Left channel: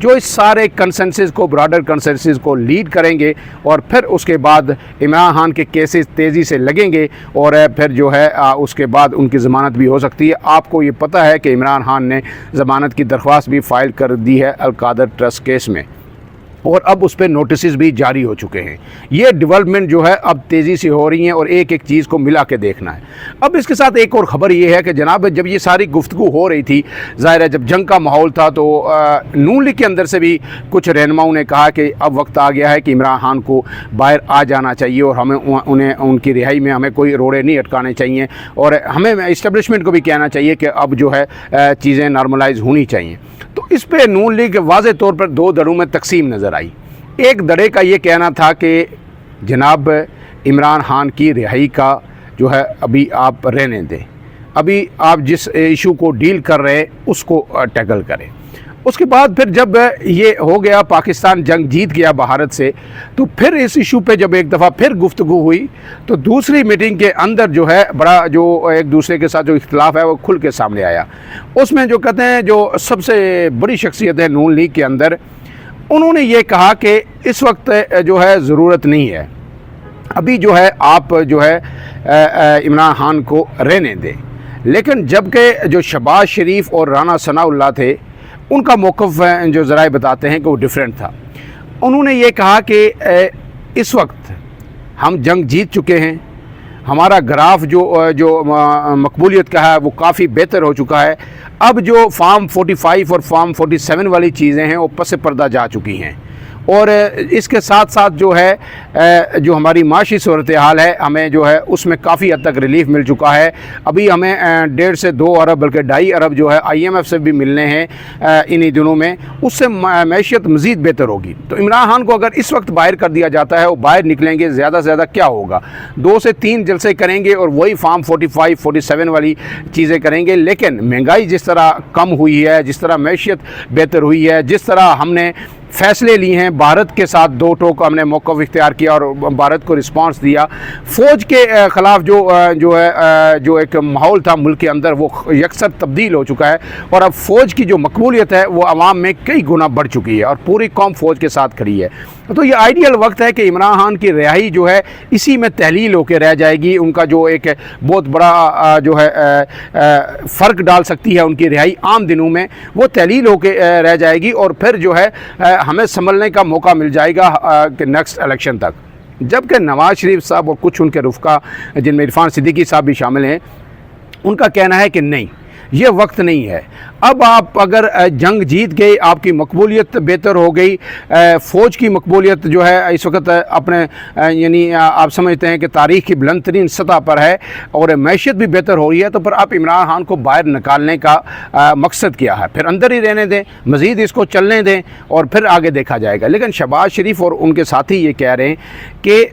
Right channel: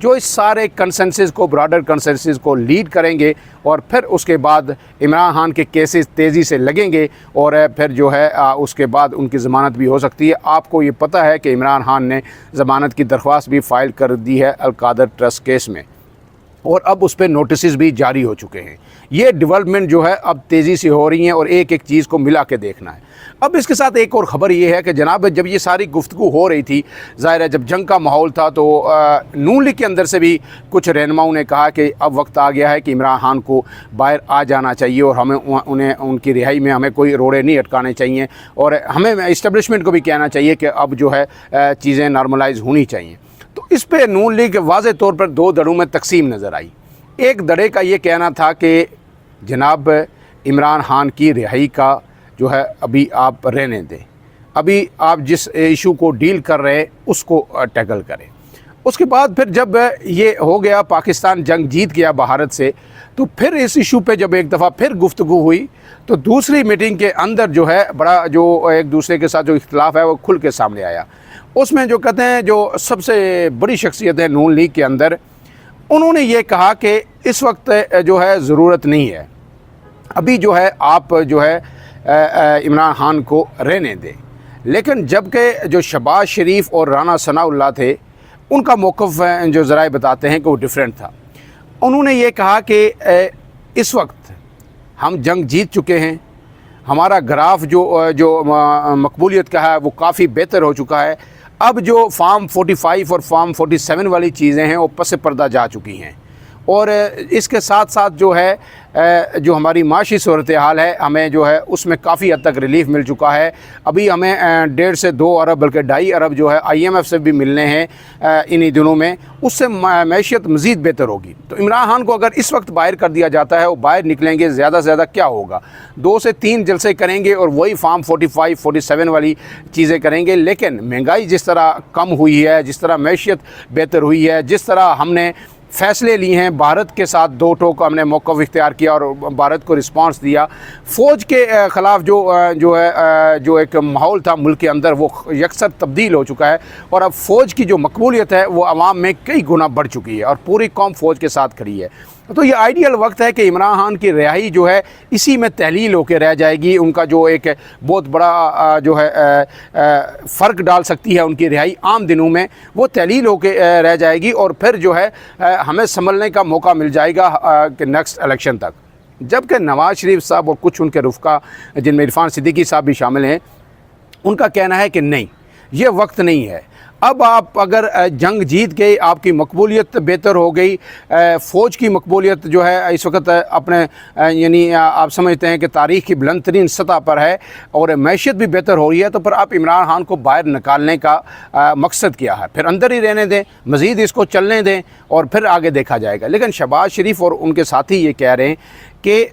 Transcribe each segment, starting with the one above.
جو اس سارے کنسنسس کو براڈر کنسنسس کو لیڈ کریں گے، اور پھر اس کے بعد عمران خان کے کیسز تیزی سے لگیں گے، اور پھر جو ہے اس کے بعد ان کی ضمانت بھی ہو سکتی ہے۔ آپ کو یہ پتہ ہے کہ عمران خان نے ضمانت کی درخواست بھی فائل کر دی ہے القادر ٹرسٹ کیس میں، اور اب اس پہ نوٹسز بھی جاری ہو چکے ہیں۔ یہ ڈیولپمنٹ جو ہے اب تیزی سے ہو رہی ہیں، اور ایک ایک چیز کو ملا کے دیکھنا ہے۔ اب اس کے ساتھ ایک اور خبر یہ ہے کہ جناب جب یہ ساری گفتگو ہو رہی تھی، ظاہر ہے جب جنگ کا ماحول تھا، تو نون لیگ کے اندر سے بھی کچھ رہنماؤں نے کہا کہ اب وقت آ گیا ہے کہ عمران خان کو باہر آ جانا چاہیے، اور ہمیں ان کی رہائی میں ہمیں کوئی روڑے نہیں اٹکانے چاہیے، اور ہمیں اسٹیبلشمنٹ کو بھی کہنا چاہیے کہ اب جو ہے چیزیں نارملائز ہونی چاہیے۔ تو اس پہ نون لیگ واضح طور پر دو دھڑوں میں تقسیم نظر آئی۔ ایک دھڑے کا یہ کہنا تھا کہ جناب عمران خان کی رہائی کا جو ہے ابھی آپ رہنے دیں، ابھی آپ جس ایشو کو ڈیل کر رہے ہیں اس کو ٹیکل کریں۔ اس کے بعد پھر جب یہ ہو گیا، پاکستان جنگ جیت گیا بھارت سے، تو پھر اس ایشو پہ جب ایک دفعہ پھر گفتگو ہوئی، تو دوسری میٹنگ کے اندر جو ہے بڑا جو ایک دوسرے کے ساتھ جو اختلاف ہے وہ کھل کے سامنے آیا۔ اس میں جو کہتے ہیں جو سب سے بڑی شخصیت ہے نون لیگ کے اندر، انہوں نے یہ کہا کہ اس وقت جو ہے ضرورت نہیں ہے، ابھی جو ہے آپ جو ہے عمران خان کو رہنے دیں۔ لیکن جبکہ جو شہباز شریف اور رانا ثناء اللہ تھے، ان کا موقف جو ذرائع بتاتے ہیں کہ وہ ڈیفرنٹ تھا۔ انہوں نے یہ کہا کہ اس وقت ہم جنگ جیت چکے ہیں، ہمارا گراف جو مقبولیت کا ہے وہ کافی بہتر ہو چکا ہے، اب جو فارم 45 اور فارم 47 والی چیزیں ہیں وہ پس پردہ جا چکی ہیں، اور اس کے ساتھ ساتھ جو ہے جو ہماری معاشی صورتحال ہے ہمیں جو ہے اس میں کافی حد تک ریلیف مل چکا ہے۔ ابھی ہمیں 1.5 سے 2 ارب بلکہ 2.5 ارب جو ہے IMF سے بھی ملنے ہیں انہی دنوں میں، اس سے معیشت مزید بہتر ہوگی۔ تو عمران خان کو اگر اس وقت باہر کر دیا جاتا ہے، وہ باہر نکلیں گے، زیادہ سے زیادہ کیا ہوگا، 2 سے 3 جلسے کریں گے اور وہی فارم 45 47 والی چیزیں کریں گے۔ لیکن مہنگائی جس طرح کم ہوئی ہے، جس طرح معیشت بہتر ہوئی ہے، جس طرح ہم نے فیصلے لیے ہیں، بھارت کے ساتھ 2 ٹوک ہم نے موقف اختیار کیا اور بھارت کو رسپانس دیا، فوج کے خلاف جو ایک ماحول تھا ملک کے اندر وہ یکسر تبدیل ہو چکا ہے، اور اب فوج کی جو مقبولیت ہے وہ عوام میں کئی گنا بڑھ چکی ہے، اور پوری قوم فوج کے ساتھ کھڑی ہے۔ تو یہ آئیڈیل وقت ہے کہ عمران خان کی رہائی جو ہے اسی میں تحلیل ہو کے رہ جائے گی۔ ان کا جو ایک بہت بڑا جو ہے فرق ڈال سکتی ہے ان کی رہائی عام دنوں میں، وہ تحلیل ہو کے رہ جائے گی، اور پھر جو ہے ہمیں سنبھلنے کا موقع مل جائے گا کہ نیکسٹ الیکشن تک۔ جبکہ نواز شریف صاحب اور کچھ ان کے رفقا جن میں عرفان صدیقی صاحب بھی شامل ہیں، ان کا کہنا ہے کہ نہیں، یہ وقت نہیں ہے، اب آپ اگر جنگ جیت گئے، آپ کی مقبولیت بہتر ہو گئی، فوج کی مقبولیت جو ہے اس وقت اپنے یعنی آپ سمجھتے ہیں کہ تاریخ کی بلند ترین سطح پر ہے، اور معیشت بھی بہتر ہو رہی ہے، تو پھر آپ عمران خان کو باہر نکالنے کا مقصد کیا ہے؟ پھر اندر ہی رہنے دیں، مزید اس کو چلنے دیں، اور پھر آگے دیکھا جائے گا۔ لیکن شہباز شریف اور ان کے ساتھی یہ کہہ رہے ہیں کہ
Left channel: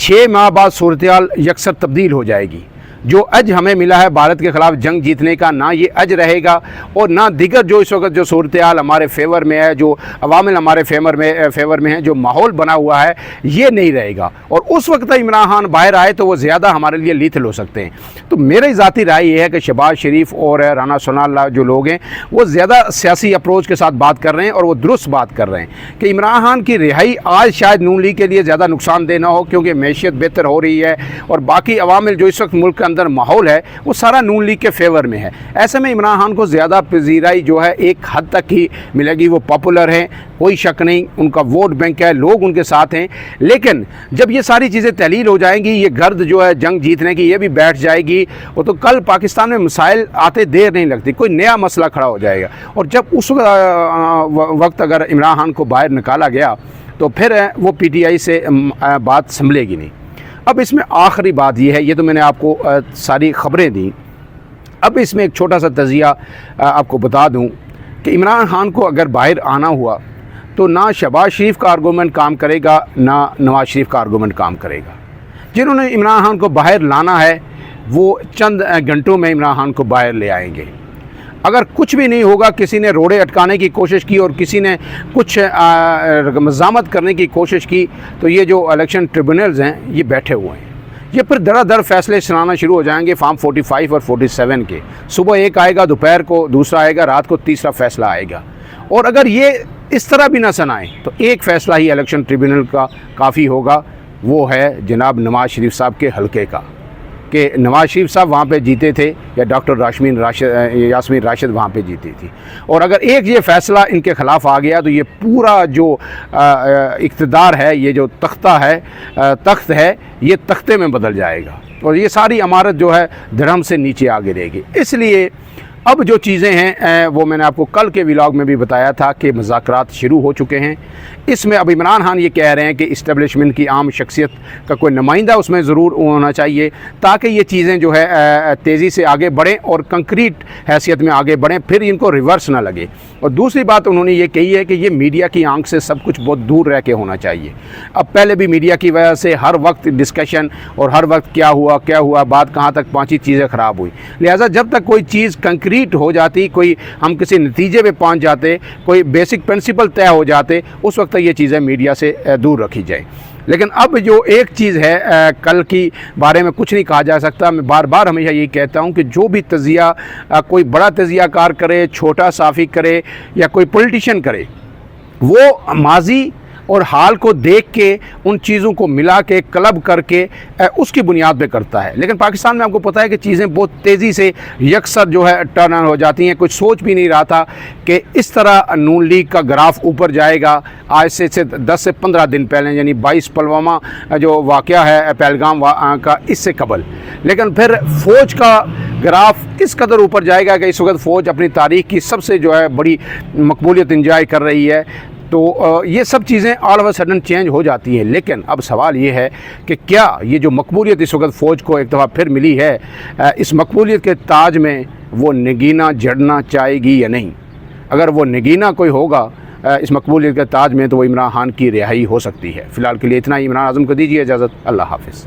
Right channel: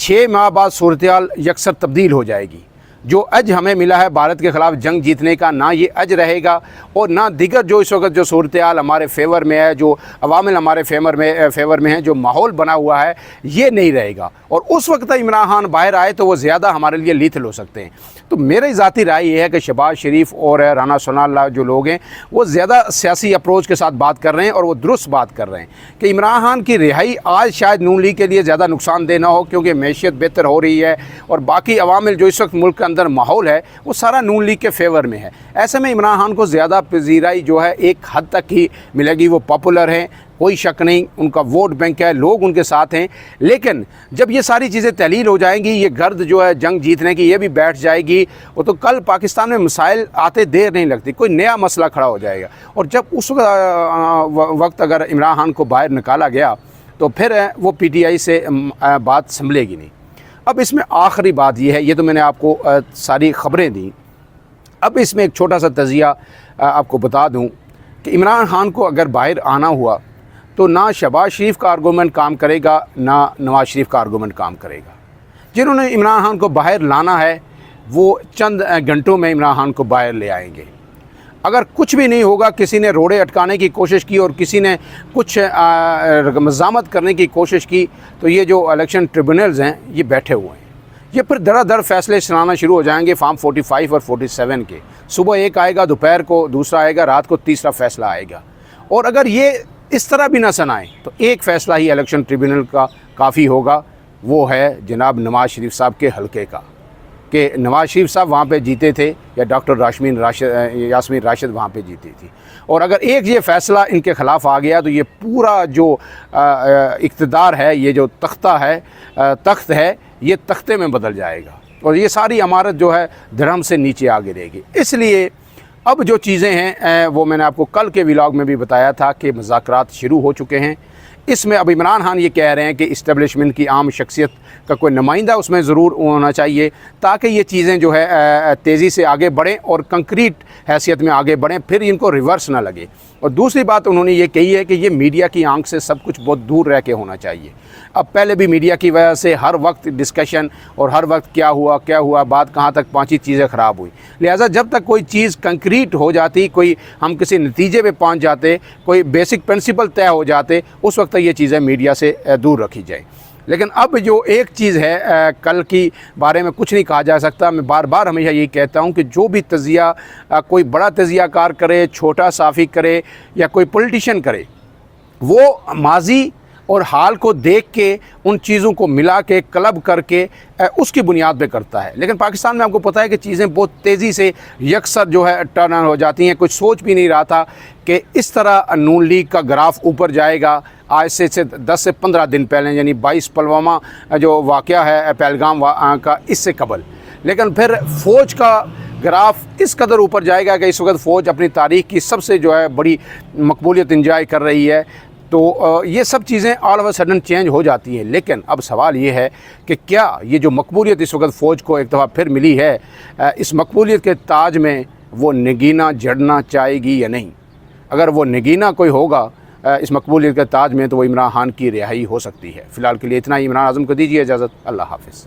6 ماہ بعد صورتحال یکسر تبدیل ہو جائے گی۔ جو اج ہمیں ملا ہے بھارت کے خلاف جنگ جیتنے کا، نہ یہ اج رہے گا، اور نہ دیگر جو اس وقت جو صورتحال ہمارے فیور میں ہے، جو عوامل ہمارے فیور میں ہیں، جو ماحول بنا ہوا ہے، یہ نہیں رہے گا، اور اس وقت عمران خان باہر آئے تو وہ زیادہ ہمارے لیے لیتھل ہو سکتے ہیں۔ تو میری ذاتی رائے یہ ہے کہ شہباز شریف اور رانا ثناء اللہ جو لوگ ہیں وہ زیادہ سیاسی اپروچ کے ساتھ بات کر رہے ہیں، اور وہ درست بات کر رہے ہیں کہ عمران خان کی رہائی آج شاید نون لیگ کے لیے زیادہ نقصان دہ نہ ہو، کیونکہ معیشت بہتر ہو رہی ہے، اور باقی عوامل جو اس وقت ملک کے اندر ماحول ہے وہ سارا نون لیگ کے فیور میں ہے۔ ایسے میں عمران خان کو زیادہ پذیرائی جو ہے ایک حد تک ہی ملے گی، وہ پاپولر ہیں، کوئی شک نہیں، ان کا ووٹ بینک ہے، لوگ ان کے ساتھ ہیں۔ لیکن جب یہ ساری چیزیں تحلیل ہو جائیں گی، یہ گرد جو ہے جنگ جیتنے کی یہ بھی بیٹھ جائے گی، وہ تو کل پاکستان میں مسائل آتے دیر نہیں لگتی، کوئی نیا مسئلہ کھڑا ہو جائے گا، اور جب اس وقت اگر عمران خان کو باہر نکالا گیا تو پھر وہ PTI سے بات سنبھلے گی نہیں۔ اب اس میں آخری بات یہ ہے، یہ تو میں نے آپ کو ساری خبریں دیں، اب اس میں ایک چھوٹا سا تجزیہ آپ کو بتا دوں کہ عمران خان کو اگر باہر آنا ہوا تو نہ شہباز شریف کا آرگومنٹ کام کرے گا، نہ نواز شریف کا آرگومنٹ کام کرے گا۔ جنہوں نے عمران خان کو باہر لانا ہے وہ چند گھنٹوں میں عمران خان کو باہر لے آئیں گے۔ اگر کچھ بھی نہیں ہوگا، کسی نے روڑے اٹکانے کی کوشش کی اور کسی نے کچھ مزاحمت کرنے کی کوشش کی، تو یہ جو الیکشن ٹریبونلز ہیں یہ بیٹھے ہوئے ہیں، یہ پھر دھڑا دھڑ فیصلے سنانا شروع ہو جائیں گے فارم 45 اور 47 کے۔ صبح ایک آئے گا، دوپہر کو دوسرا آئے گا، رات کو تیسرا فیصلہ آئے گا، اور اگر یہ اس طرح بھی نہ سنائیں تو ایک فیصلہ ہی الیکشن ٹریبیونل کا کافی ہوگا، وہ ہے جناب نواز شریف صاحب کے حلقے کا، کہ نواز شریف صاحب وہاں پہ جیتے تھے یا ڈاکٹر یاسمین راشد وہاں پہ جیتی تھی، اور اگر ایک یہ فیصلہ ان کے خلاف آ گیا تو یہ پورا جو اقتدار ہے، یہ جو تخت ہے یہ تختے میں بدل جائے گا، اور یہ ساری عمارت جو ہے دھڑم سے نیچے آ گرے گی۔ اس لیے اب جو چیزیں ہیں وہ میں نے آپ کو کل کے ولاگ میں بھی بتایا تھا کہ مذاکرات شروع ہو چکے ہیں۔ اس میں اب عمران خان یہ کہہ رہے ہیں کہ اسٹیبلشمنٹ کی عام شخصیت کا کوئی نمائندہ اس میں ضرور ہونا چاہیے، تاکہ یہ چیزیں جو ہے تیزی سے آگے بڑھیں اور کنکریٹ حیثیت میں آگے بڑھیں، پھر ان کو ریورس نہ لگے۔ اور دوسری بات انہوں نے یہ کہی ہے کہ یہ میڈیا کی آنکھ سے سب کچھ بہت دور رہ کے ہونا چاہیے۔ اب پہلے بھی میڈیا کی وجہ سے ہر وقت ڈسکشن اور ہر وقت کیا ہوا بات کہاں تک پہنچی، چیزیں خراب ہوئی، لہٰذا جب تک کوئی چیز کنکریٹ ہو جاتی، کوئی ہم کسی نتیجے پہ پہنچ جاتے، کوئی بیسک پرنسپل طے ہو جاتے، اس وقت یہ چیزیں میڈیا سے دور رکھی جائے۔ لیکن اب جو ایک چیز ہے، کل کی بارے میں کچھ نہیں کہا جا سکتا۔ میں بار بار ہمیشہ یہی کہتا ہوں کہ جو بھی تجزیہ کوئی بڑا تجزیہ کار کرے، چھوٹا صحافی کرے یا کوئی پولیٹیشین کرے، وہ ماضی اور حال کو دیکھ کے ان چیزوں کو ملا کے کلب کر کے اس کی بنیاد پہ کرتا ہے۔ لیکن پاکستان میں آپ کو پتہ ہے کہ چیزیں بہت تیزی سے یکسر جو ہے ٹرن ہو جاتی ہیں۔ کچھ سوچ بھی نہیں رہا تھا کہ اس طرح نون لیگ کا گراف اوپر جائے گا۔ آج سے 10 سے 15 دن پہلے، یعنی 22 پلوامہ جو واقعہ ہے پہلگام کا، اس سے قبل، لیکن پھر فوج کا گراف اس قدر اوپر جائے گا کہ اس وقت فوج اپنی تاریخ کی سب سے جو ہے بڑی مقبولیت انجوائے کر رہی ہے۔ تو یہ سب چیزیں all of a sudden change ہو جاتی ہیں، لیکن اب سوال یہ ہے کہ کیا یہ جو مقبولیت اس وقت فوج کو ایک دفعہ پھر ملی ہے، اس مقبولیت کے تاج میں وہ نگینہ جڑنا چاہے گی یا نہیں؟ اگر وہ نگینہ کوئی ہوگا اس مقبولیت کے تاج میں تو وہ عمران خان کی رہائی ہو سکتی ہے۔ فی الحال کے لیے اتنا ہی۔ عمران اعظم کو دیجیے اجازت۔ اللہ حافظ۔